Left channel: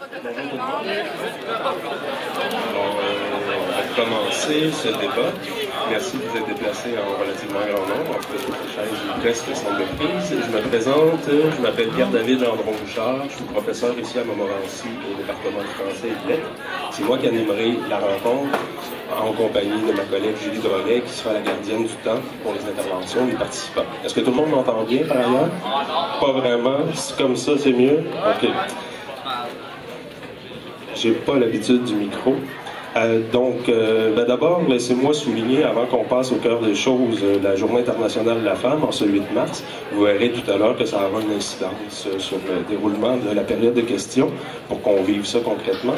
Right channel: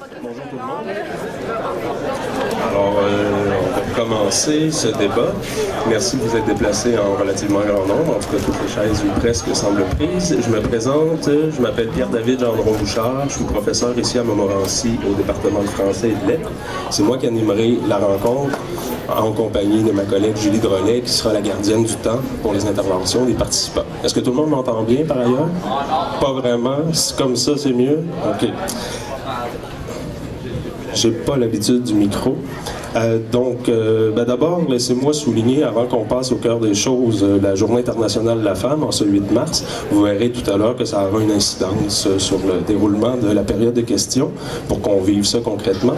Alors, on va commencer ce débat. Merci de vous être déplacés en relativement grand nombre. En tout cas, toutes les chaises ou presque semblent prises. Je me présente, je m'appelle Pierre-David Gendron-Bouchard. Je suis professeur ici à Montmorency au département de français et de lettres. C'est moi qui animerai la rencontre en compagnie de ma collègue Julie Drolet, qui sera la gardienne du temps pour les interventions des participants. Est-ce que tout le monde m'entend bien par ailleurs? Pas vraiment. Comme ça, c'est mieux? OK. J'ai pas l'habitude du micro. D'abord, laissez-moi souligner, avant qu'on passe au cœur des choses, la Journée internationale de la femme, en ce 8 mars. Vous verrez tout à l'heure que ça aura une incidence sur le déroulement de la période de questions pour qu'on vive ça concrètement.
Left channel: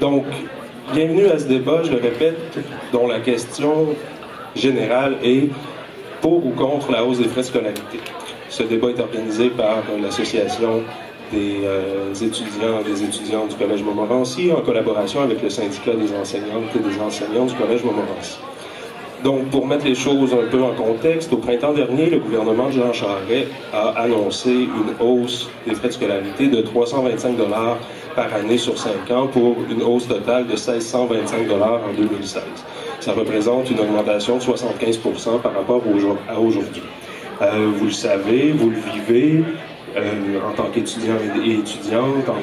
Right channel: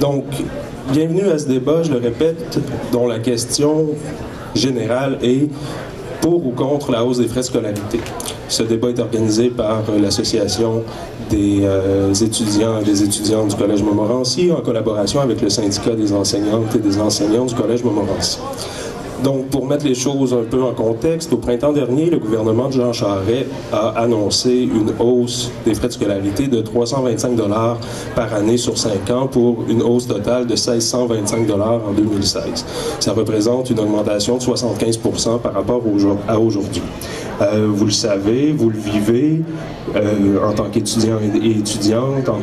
Donc, bienvenue à ce débat, je le répète, dont la question générale est pour ou contre la hausse des frais de scolarité. Ce débat est organisé par l'Association des étudiants et des étudiantes du Collège Montmorency en collaboration avec le syndicat des enseignantes et des enseignants du Collège Montmorency. Donc, pour mettre les choses un peu en contexte, au printemps dernier, le gouvernement de Jean Charest a annoncé une hausse des frais de scolarité de 325 $ par année sur 5 ans pour une hausse totale de 1 625 $ en 2016. Ça représente une augmentation de 75 % par rapport à aujourd'hui. Vous le savez, vous le vivez en tant qu'étudiant et étudiante, en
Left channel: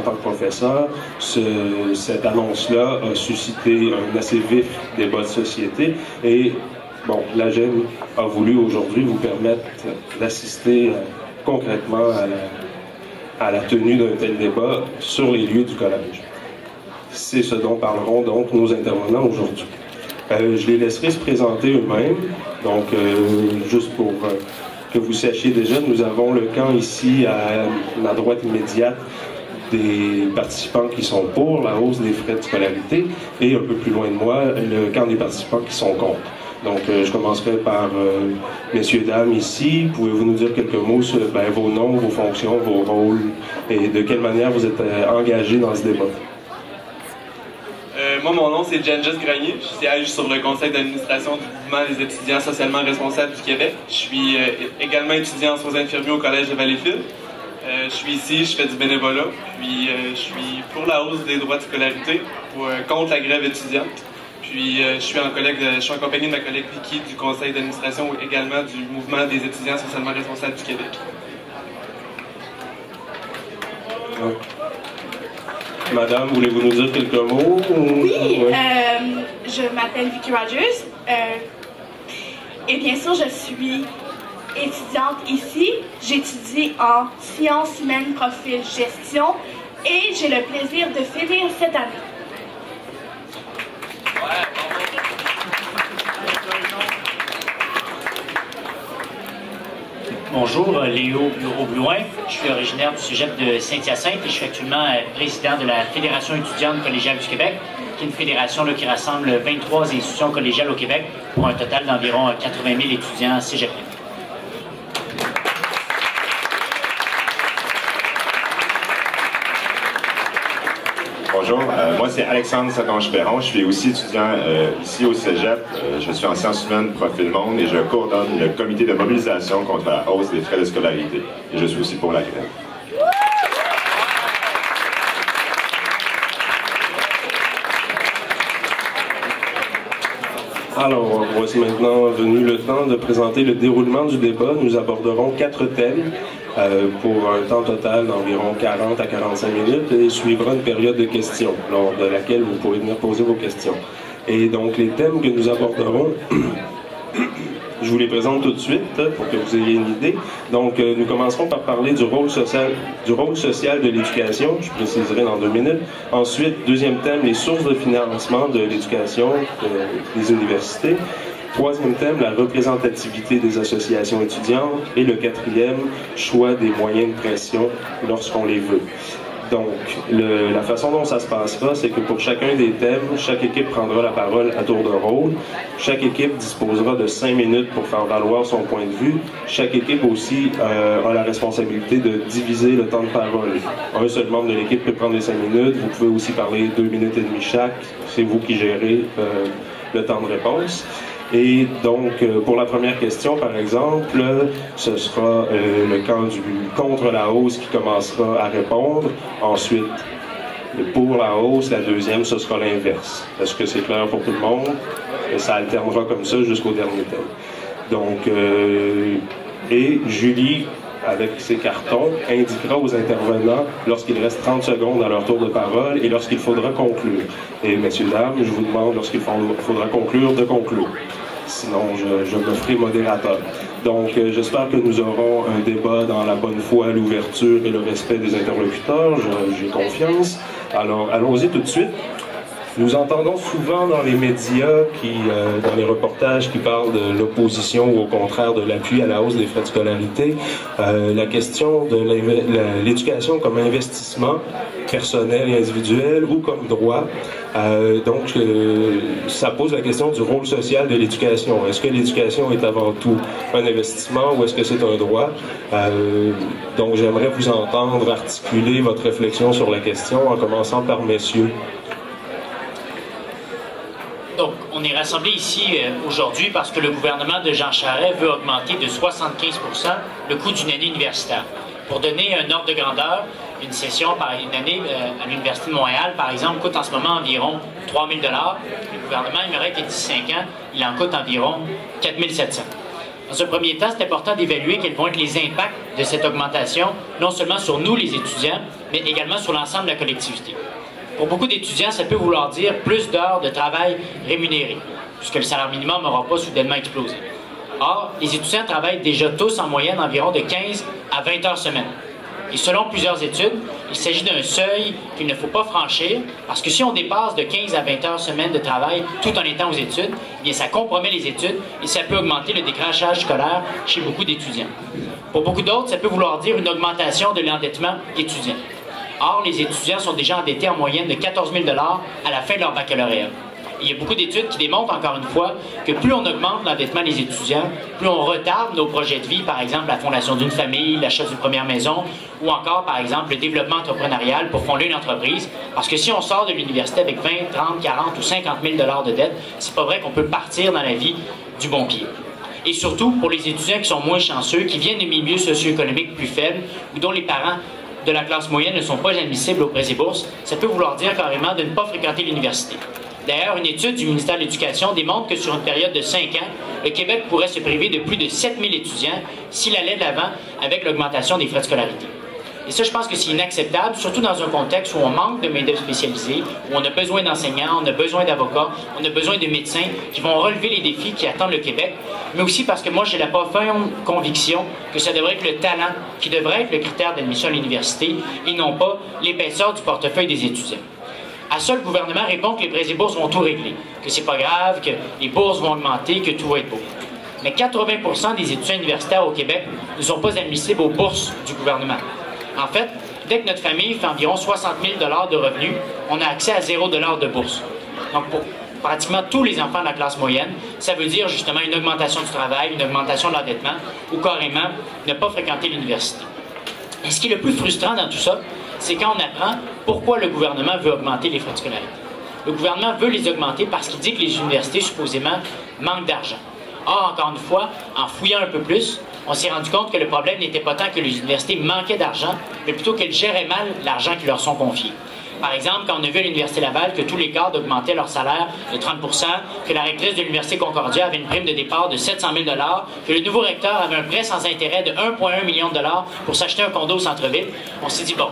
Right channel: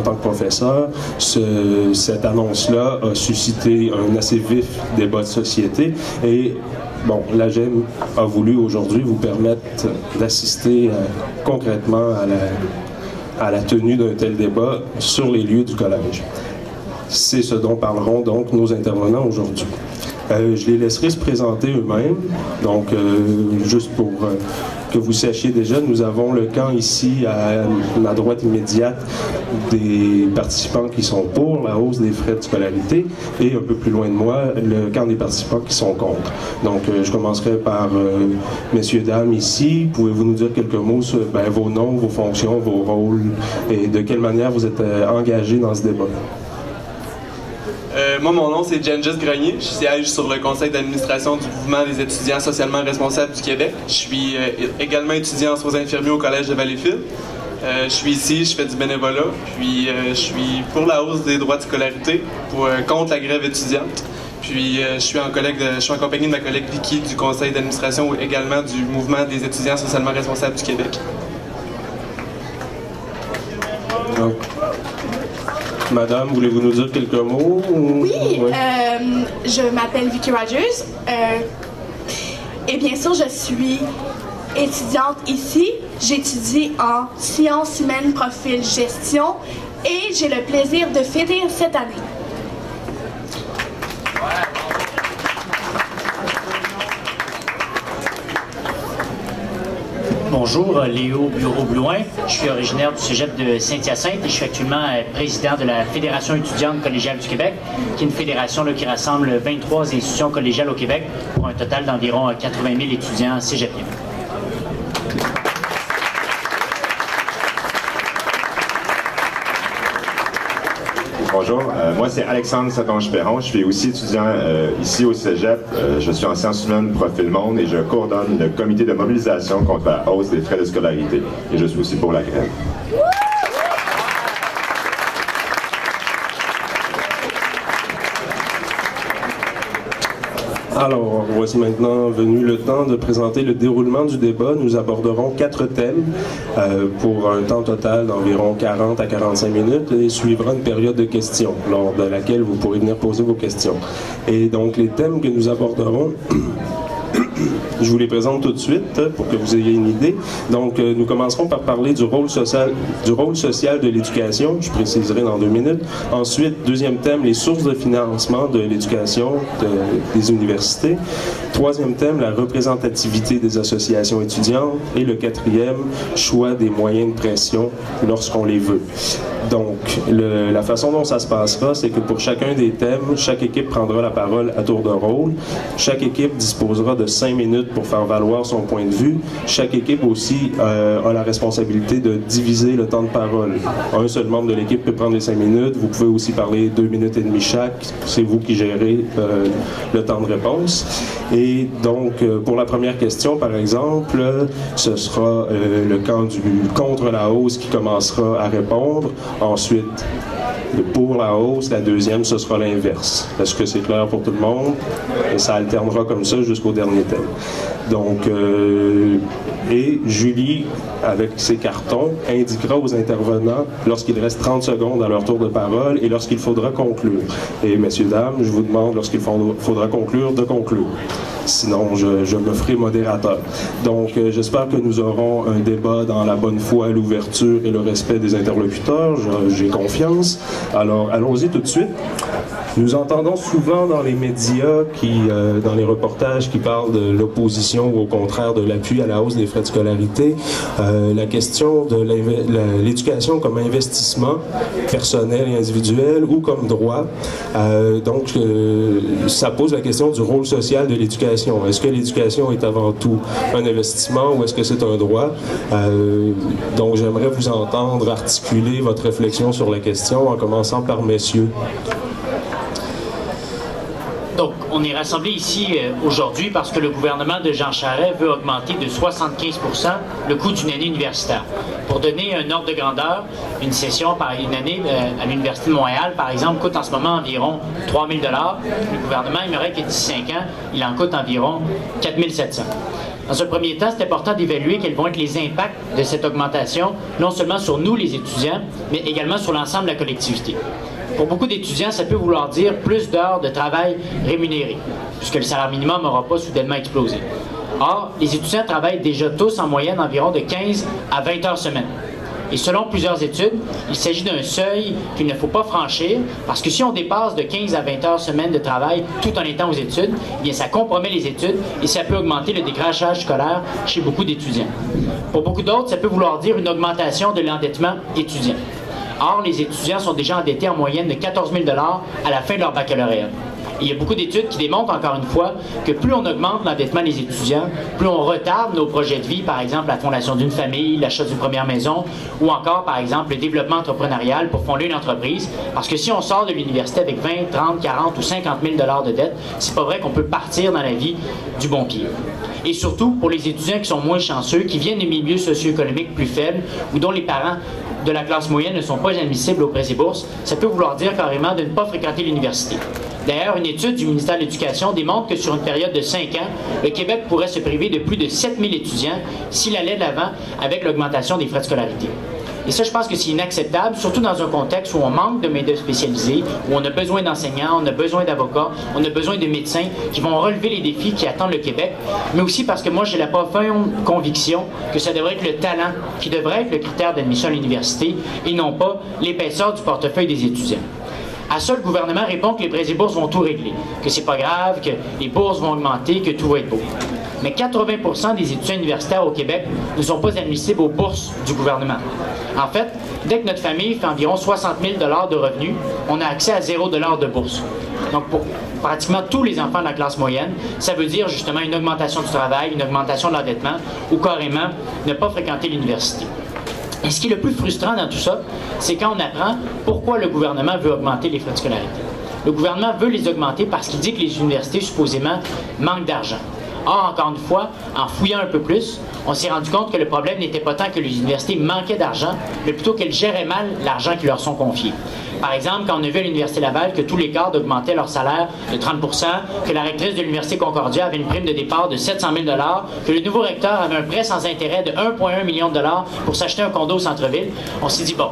tant que professeur. Cette annonce-là a suscité un assez vif débat de société et bon, l'AGEM a voulu aujourd'hui vous permettre d'assister concrètement à la tenue d'un tel débat sur les lieux du collège. C'est ce dont parleront donc nos intervenants aujourd'hui. Je les laisserai se présenter eux-mêmes. Donc, juste pour que vous sachiez déjà, nous avons le camp ici à la droite immédiate des participants qui sont pour la hausse des frais de scolarité et un peu plus loin de moi, le camp des participants qui sont contre. Donc, je commencerai par messieurs, dames ici. Pouvez-vous nous dire quelques mots sur vos noms, vos fonctions, vos rôles et de quelle manière vous êtes engagés dans ce débat? Moi, mon nom, c'est Jen Grenier. Je siège sur le conseil d'administration du mouvement des étudiants socialement responsables du Québec. Je suis également étudiant en soins infirmiers au Collège de Valleyfield. Je suis ici, je fais du bénévolat, puis je suis pour la hausse des droits de scolarité, contre la grève étudiante. Puis je suis en compagnie de ma collègue Vicky du conseil d'administration également du mouvement des étudiants socialement responsables du Québec. Madame, voulez-vous nous dire quelques mots? Oui, je m'appelle Vicky Rogers. Et bien sûr, je suis étudiante ici. J'étudie en sciences humaines, profil gestion et j'ai le plaisir de finir cette année. Bonjour, Léo Bureau-Blouin. Je suis originaire du cégep de Saint-Hyacinthe et je suis actuellement président de la Fédération étudiante collégiale du Québec, qui est une fédération qui rassemble 23 institutions collégiales au Québec pour un total d'environ 80 000 étudiants cégepiens. Bonjour, moi c'est Alexandre Satonge-Perron. Je suis aussi étudiant ici au Cégep. Je suis en sciences humaines profil monde et je coordonne le comité de mobilisation contre la hausse des frais de scolarité. Et je suis aussi pour la grève. Alors, voici maintenant venu le temps de présenter le déroulement du débat. Nous aborderons 4 thèmes pour un temps total d'environ 40 à 45 minutes et suivra une période de questions lors de laquelle vous pourrez venir poser vos questions. Et donc, les thèmes que nous aborderons, je vous les présente tout de suite pour que vous ayez une idée. Donc, nous commencerons par parler du rôle social de l'éducation. Je préciserai dans 2 minutes. Ensuite, deuxième thème, les sources de financement de l'éducation des universités. Troisième thème, la représentativité des associations étudiantes. Et le quatrième, choix des moyens de pression lorsqu'on les veut. Donc, la façon dont ça se passera, c'est que pour chacun des thèmes, chaque équipe prendra la parole à tour de rôle. Chaque équipe disposera de 5 5 minutes pour faire valoir son point de vue. Chaque équipe aussi a la responsabilité de diviser le temps de parole. Un seul membre de l'équipe peut prendre les 5 minutes. Vous pouvez aussi parler 2 minutes et demie chaque. C'est vous qui gérez le temps de réponse. Et donc, pour la première question, par exemple, ce sera le camp du contre la hausse qui commencera à répondre. Ensuite, pour la hausse, la deuxième, ce sera l'inverse. Est-ce que c'est clair pour tout le monde? Et ça alternera comme ça jusqu'au dernier thème. Donc, et Julie, avec ses cartons, indiquera aux intervenants lorsqu'il reste 30 secondes à leur tour de parole et lorsqu'il faudra conclure. Et messieurs, dames, je vous demande lorsqu'il faudra conclure, de conclure. Sinon, je me ferai modérateur. Donc, j'espère que nous aurons un débat dans la bonne foi, l'ouverture et le respect des interlocuteurs. J'ai confiance. Alors, allons-y tout de suite. Nous entendons souvent dans les médias, dans les reportages qui parlent de l'opposition ou au contraire de l'appui à la hausse des frais de scolarité, la question de l'éducation comme investissement personnel et individuel ou comme droit. Donc, ça pose la question du rôle social de l'éducation. Est-ce que l'éducation est avant tout un investissement ou est-ce que c'est un droit? Donc, j'aimerais vous entendre articuler votre réflexion sur la question en commençant par messieurs. Donc, on est rassemblés ici aujourd'hui parce que le gouvernement de Jean Charest veut augmenter de 75 % le coût d'une année universitaire. Pour donner un ordre de grandeur, une session par une année à l'Université de Montréal, par exemple, coûte en ce moment environ 3 000 $. Le gouvernement aimerait que d'ici 5 ans, il en coûte environ 4 700 $. Dans un premier temps, c'est important d'évaluer quels vont être les impacts de cette augmentation, non seulement sur nous, les étudiants, mais également sur l'ensemble de la collectivité. Pour beaucoup d'étudiants, ça peut vouloir dire plus d'heures de travail rémunérées, puisque le salaire minimum n'aura pas soudainement explosé. Or, les étudiants travaillent déjà tous en moyenne environ de 15 à 20 heures semaine. Et selon plusieurs études, il s'agit d'un seuil qu'il ne faut pas franchir, parce que si on dépasse de 15 à 20 heures semaine de travail tout en étant aux études, eh bien ça compromet les études et ça peut augmenter le décrochage scolaire chez beaucoup d'étudiants. Pour beaucoup d'autres, ça peut vouloir dire une augmentation de l'endettement étudiant. Or, les étudiants sont déjà endettés en moyenne de 14 000 $ à la fin de leur baccalauréat. Et il y a beaucoup d'études qui démontrent, encore une fois, que plus on augmente l'endettement des étudiants, plus on retarde nos projets de vie, par exemple la fondation d'une famille, l'achat d'une première maison, ou encore, par exemple, le développement entrepreneurial pour fonder une entreprise. Parce que si on sort de l'université avec 20, 30, 40 ou 50 000 $ de dette, c'est pas vrai qu'on peut partir dans la vie du bon pied. Et surtout, pour les étudiants qui sont moins chanceux, qui viennent de milieux socio-économiques plus faibles, ou dont les parents de la classe moyenne ne sont pas admissibles au prêts et bourses, ça peut vouloir dire carrément de ne pas fréquenter l'université. D'ailleurs, une étude du ministère de l'Éducation démontre que sur une période de 5 ans, le Québec pourrait se priver de plus de 7 000 étudiants s'il allait de l'avant avec l'augmentation des frais de scolarité. Et ça, je pense que c'est inacceptable, surtout dans un contexte où on manque de main-d'œuvre spécialisée, où on a besoin d'enseignants, on a besoin d'avocats, on a besoin de médecins qui vont relever les défis qui attendent le Québec, mais aussi parce que moi, j'ai la profonde conviction que ça devrait être le talent qui devrait être le critère d'admission à l'université et non pas l'épaisseur du portefeuille des étudiants. À ça, le gouvernement répond que les prêts et bourses vont tout régler, que c'est pas grave, que les bourses vont augmenter, que tout va être beau. Mais 80 % des étudiants universitaires au Québec ne sont pas admissibles aux bourses du gouvernement. En fait, dès que notre famille fait environ 60 000 $ de revenus, on a accès à 0 $ de bourse. Donc, pour pratiquement tous les enfants de la classe moyenne, ça veut dire justement une augmentation du travail, une augmentation de l'endettement ou carrément ne pas fréquenter l'université. Et ce qui est le plus frustrant dans tout ça, c'est quand on apprend pourquoi le gouvernement veut augmenter les frais de scolarité. Le gouvernement veut les augmenter parce qu'il dit que les universités, supposément, manquent d'argent. Or, encore une fois, en fouillant un peu plus, on s'est rendu compte que le problème n'était pas tant que les universités manquaient d'argent, mais plutôt qu'elles géraient mal l'argent qui leur sont confiés. Par exemple, quand on a vu à l'Université Laval que tous les cadres augmentaient leur salaire de 30 %, que la rectrice de l'Université Concordia avait une prime de départ de 700 000 $, que le nouveau recteur avait un prêt sans intérêt de 1,1 million de $ pour s'acheter un condo au centre-ville, on s'est dit, bon,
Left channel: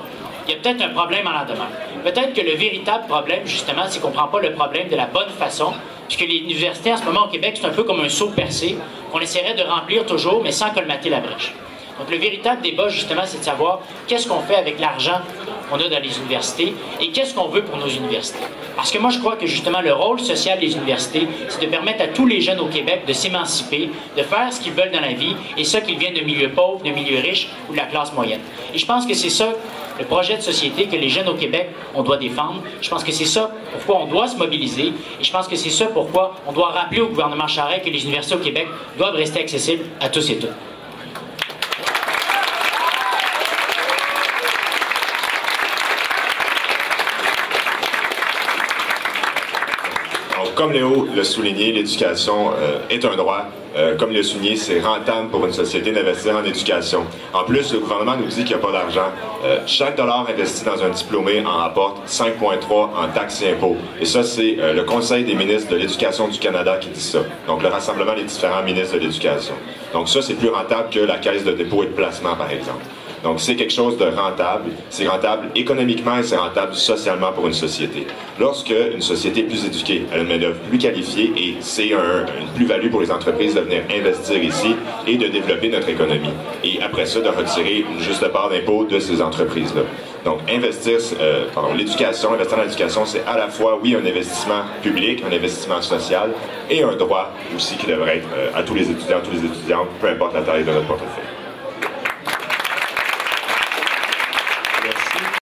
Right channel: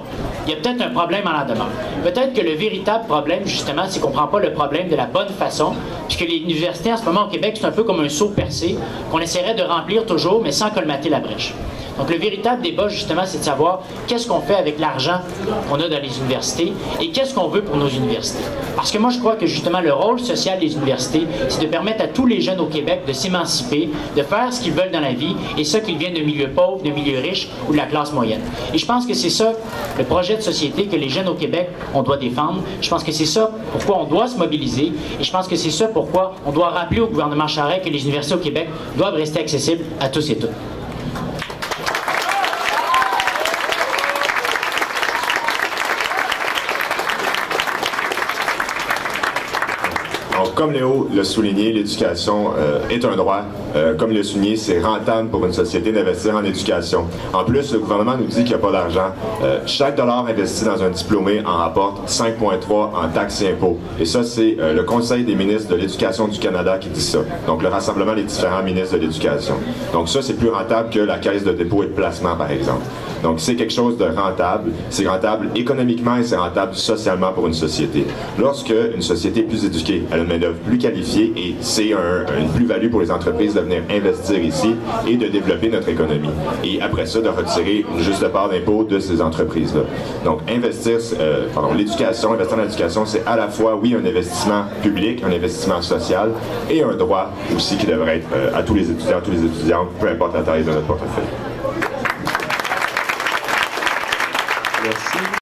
il y a peut-être un problème en la demeure. Peut-être que le véritable problème, justement, c'est qu'on ne prend pas le problème de la bonne façon, puisque les universités en ce moment au Québec, c'est un peu comme un seau percé qu'on essaierait de remplir toujours, mais sans colmater la brèche. Donc le véritable débat, justement, c'est de savoir qu'est-ce qu'on fait avec l'argent qu'on a dans les universités et qu'est-ce qu'on veut pour nos universités. Parce que moi, je crois que justement, le rôle social des universités, c'est de permettre à tous les jeunes au Québec de s'émanciper, de faire ce qu'ils veulent dans la vie, et ça qu'ils viennent de milieux pauvres, de milieux riches ou de la classe moyenne. Et je pense que c'est ça, le projet de société que les jeunes au Québec, on doit défendre. Je pense que c'est ça pourquoi on doit se mobiliser, et je pense que c'est ça pourquoi on doit rappeler au gouvernement Charest que les universités au Québec doivent rester accessibles à tous et toutes. Comme Léo l'a souligné, l'éducation est un droit. Comme il l'a souligné, c'est rentable pour une société d'investir en éducation. En plus, le gouvernement nous dit qu'il n'y a pas d'argent. Chaque dollar investi dans un diplômé en rapporte 5,3 en taxes et impôts. Et ça, c'est le Conseil des ministres de l'Éducation du Canada qui dit ça. Donc, le rassemblement des différents ministres de l'Éducation. Donc, ça, c'est plus rentable que la Caisse de dépôt et de placement, par exemple. Donc, c'est quelque chose de rentable. C'est rentable économiquement et c'est rentable socialement pour une société. Lorsque une société est plus éduquée, elle a une main-d'œuvre plus qualifiée et c'est une plus-value pour les entreprises de venir investir ici et de développer notre économie. Et après ça, de retirer une juste part d'impôt de ces entreprises-là. Donc, investir dans l'éducation, c'est à la fois, oui, un investissement public, un investissement social et un droit aussi qui devrait être à tous les étudiants, peu importe la taille de notre portefeuille.